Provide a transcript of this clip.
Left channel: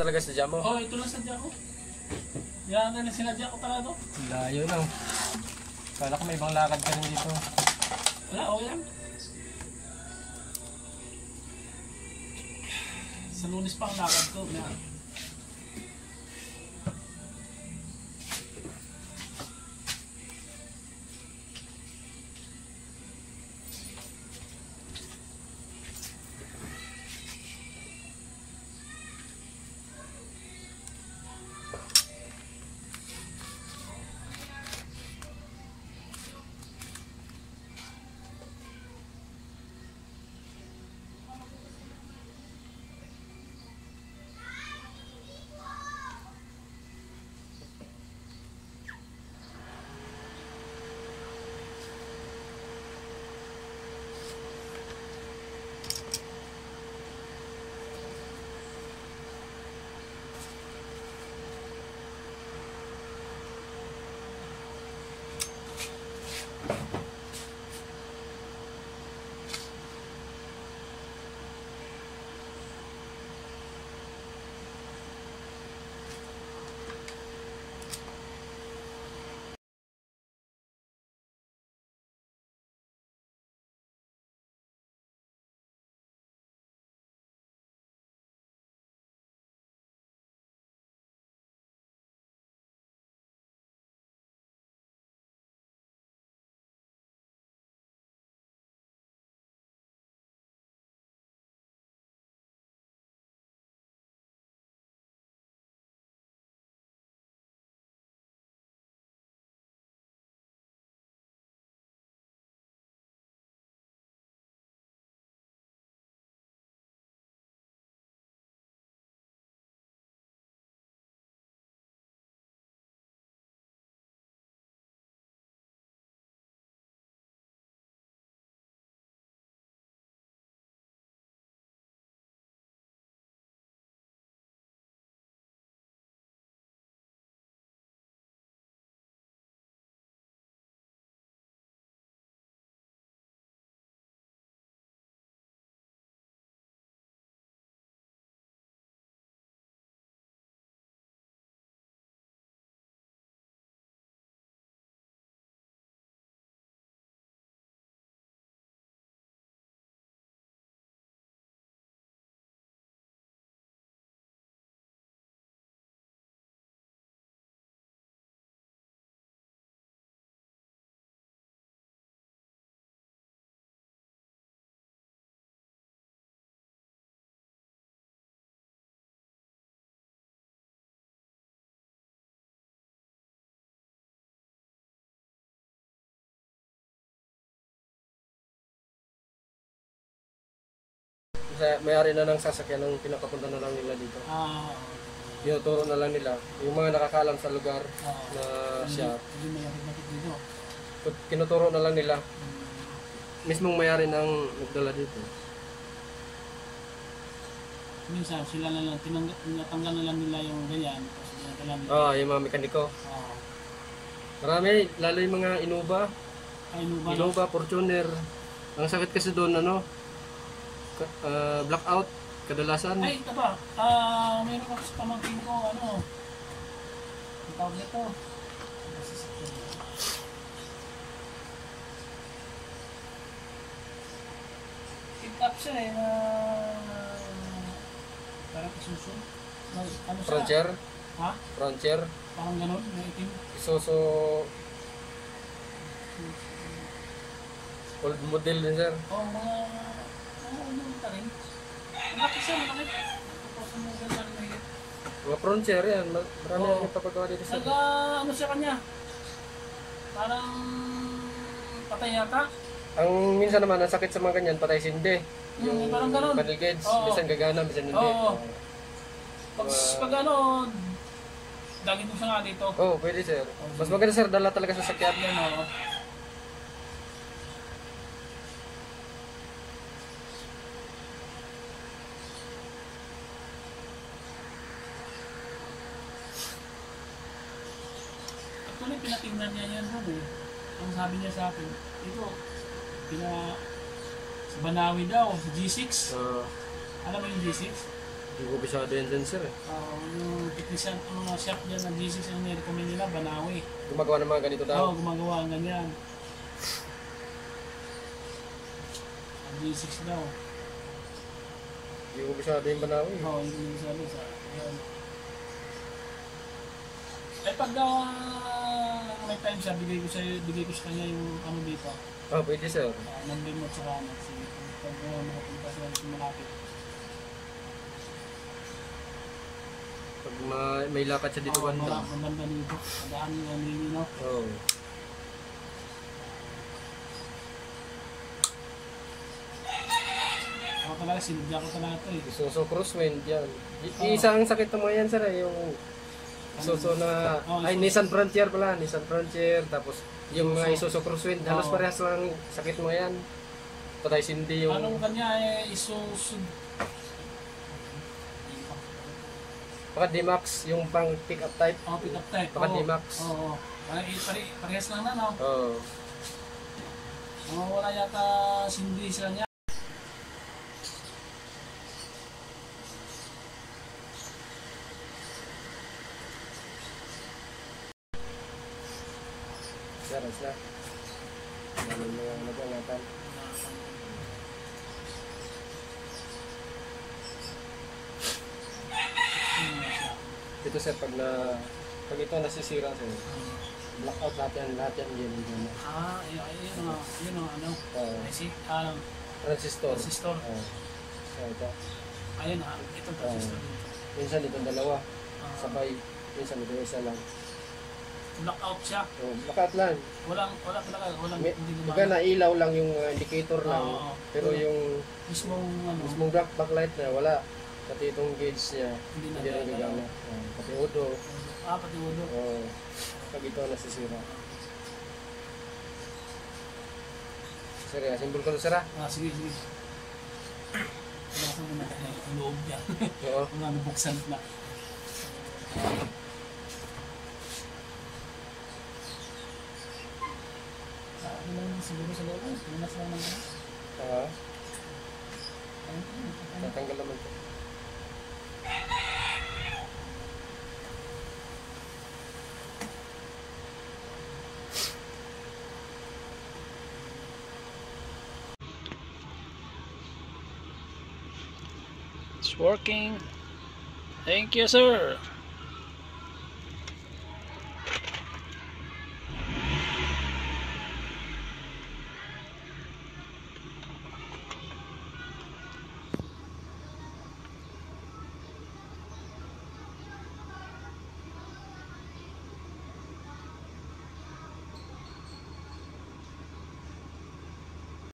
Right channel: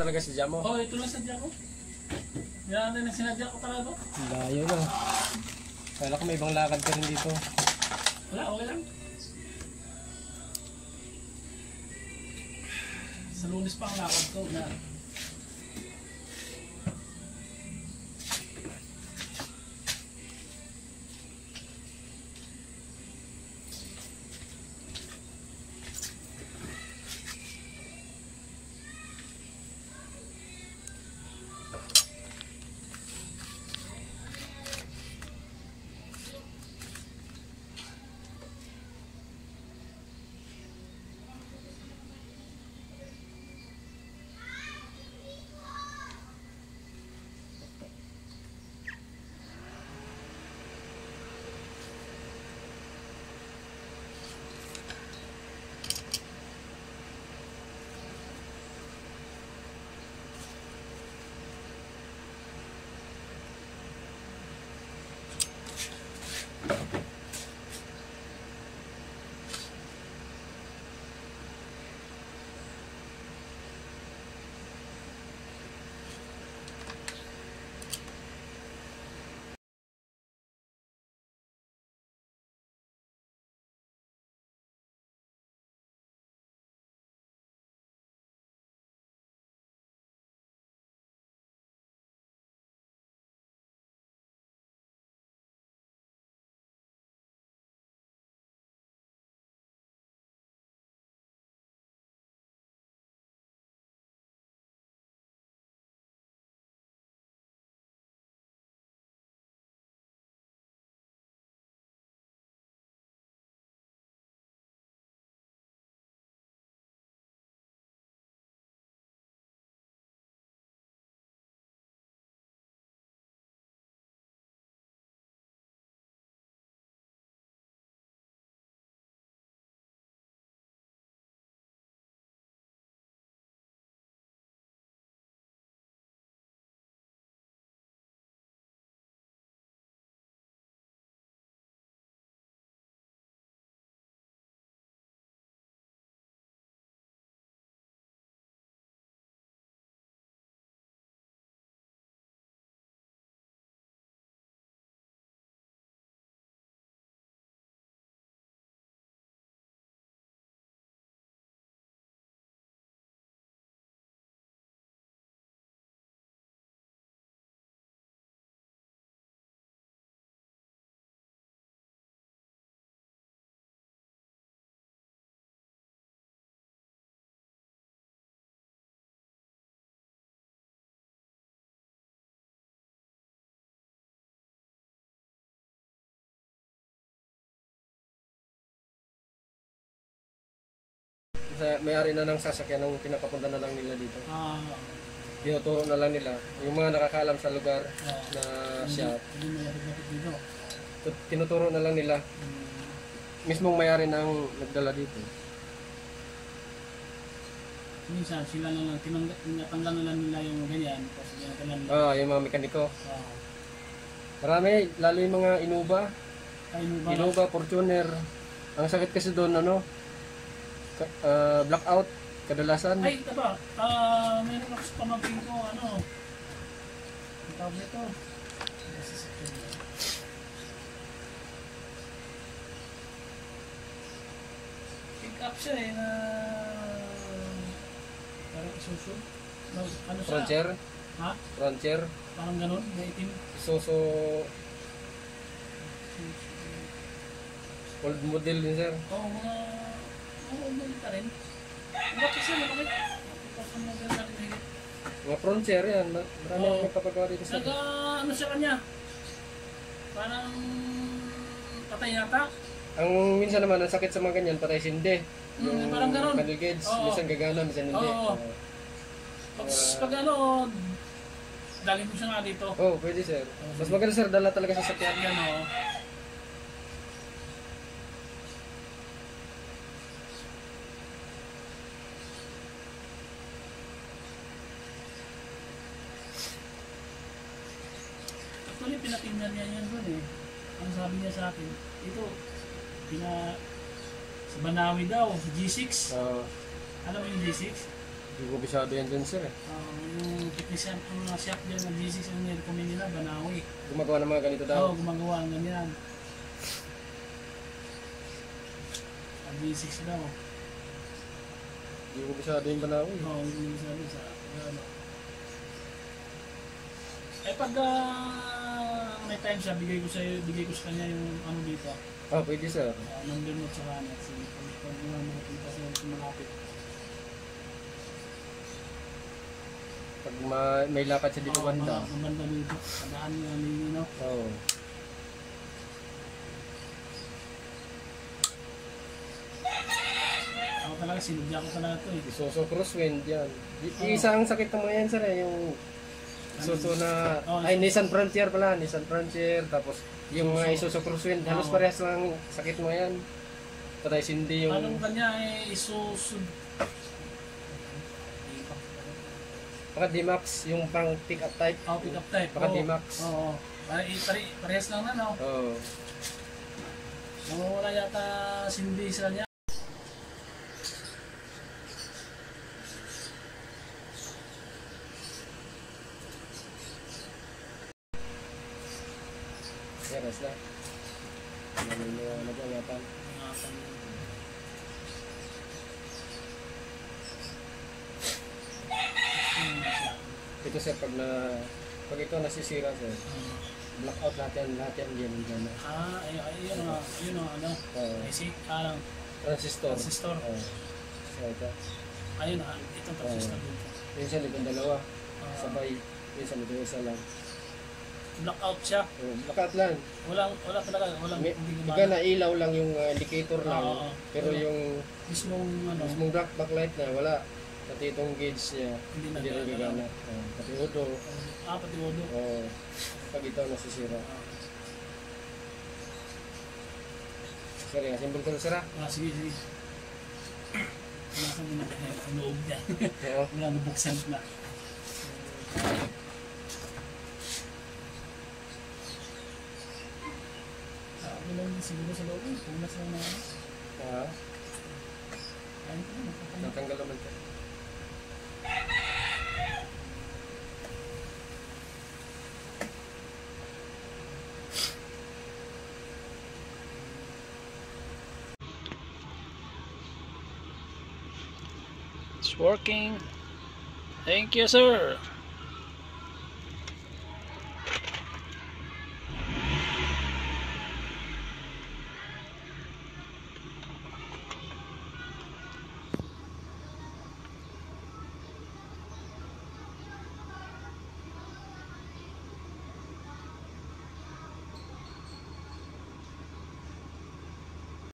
Talaga sadya mo? Oh, ito lang sadya ko. Yan na sinadya ko talaga. Layo na. Kala ko may ibang lakad ka rin dito. Wala, okay lang. Sa Lunes pa ang lakad ko. Na. May-ari na ng sasakyan ng pinapapunta na lang nila dito. Tinuturo na lang nila. Yung mga nakakaalam sa lugar na siya. Hindi malapit dito. Tinuturo na lang nila. Mismong may-ari nang nagdala dito. Minsan sila na lang tinatanggal na lang nila yung ganyan. Yung mga mekaniko. Marami, lalo yung mga Innova. Innova, Fortuner. Ang sakit kasi doon, blackout kadalasan. Ay, ito ba? Mayroon ako sa pamangkin ko, ang tawag nito. Pick up siya na parang isuso. Ano siya? Frontier? Ha? Frontier? Parang ganun, may itim. Isuso old model din, sir. Oo, mga old model rin. Malaki siya, malaki. Old model na rin higit. Mga Frontier yan. Marami ang nagpapagawa dito sa ano siya kanya? Parang patay yata. Ang minsan naman, ang sakit sa mga ganyan, patay sindi. Yung parang ganun. panel gauge, minsan gagana, minsan hindi. Pag dalhin ko siya nga dito. Pwede, sir. Mas maganda, sir, dala talaga sa sakyan. Yan, Actually, pinatingnan niya yan doon. Ang sabi niya sa akin, ito, sa Banawi daw, sa G6. Alam mo yung G6? Hindi ko bisado yan dyan sir eh. Yung technician, ang mga shop dyan ng G6 ang nirecommend nila, Banawi. Gumagawa ng mga ganito daw. Oo, gumagawa ang ganyan. Ang G6 daw. Hindi ko bisado yung Banawi. Oo, hindi sabi sa ano. Ay pag may time siya, bigay ko sa kanya yung ano dito. Oh, pwede sir. Number mo sa kanya. Sige, pag makapunta sa malapit. Pag may lakad siya dito banda. Banda dito. Padaan lang nila, no? Oo. Ako talaga, sinudya ko talaga ito eh. Isuso crosswind yan. Isang sakit ng mga yan sir eh. Yung Isuso na, ay Nissan Frontier pala. Nissan Frontier. Tapos yung mga Isuso crosswind. Halos parehas lang sakit mga yan. Patay sindi yung... Anong kanya eh, Isuso... Paka D-Max, yung pang pick-up type. Pick-up type. Paka D-Max. Oo. Parehas lang na, no? Oo. Wala yata sindi sa kanya. Yes na. Namin mo nag-angatan. Ito sir, pag ito nasisira sir, blackout lahat yan game. Ayun ang ano. IC? Transistor. Transistor. So ito. Ayun ito transistor dito. Minsan itong dalawa. Sabay. Minsan ito isa lang. Blackout siya. Blackout lang. Wala talaga. Hindi Iga na ilaw lang yung indicator lang. Pero yung mismong backlight na wala. Pati itong gauge niya, hindi na gagana. Pati odo. Pati odo. Pag ito nasisira. Sir, symbol ko na sir. Sige. Nasa mo na kanya yung loob niya. Oo. Wala na buksan na. Ano lang siguro sa loob. Punas lang naman. Tatanggal naman ito. It's working. Thank you, sir.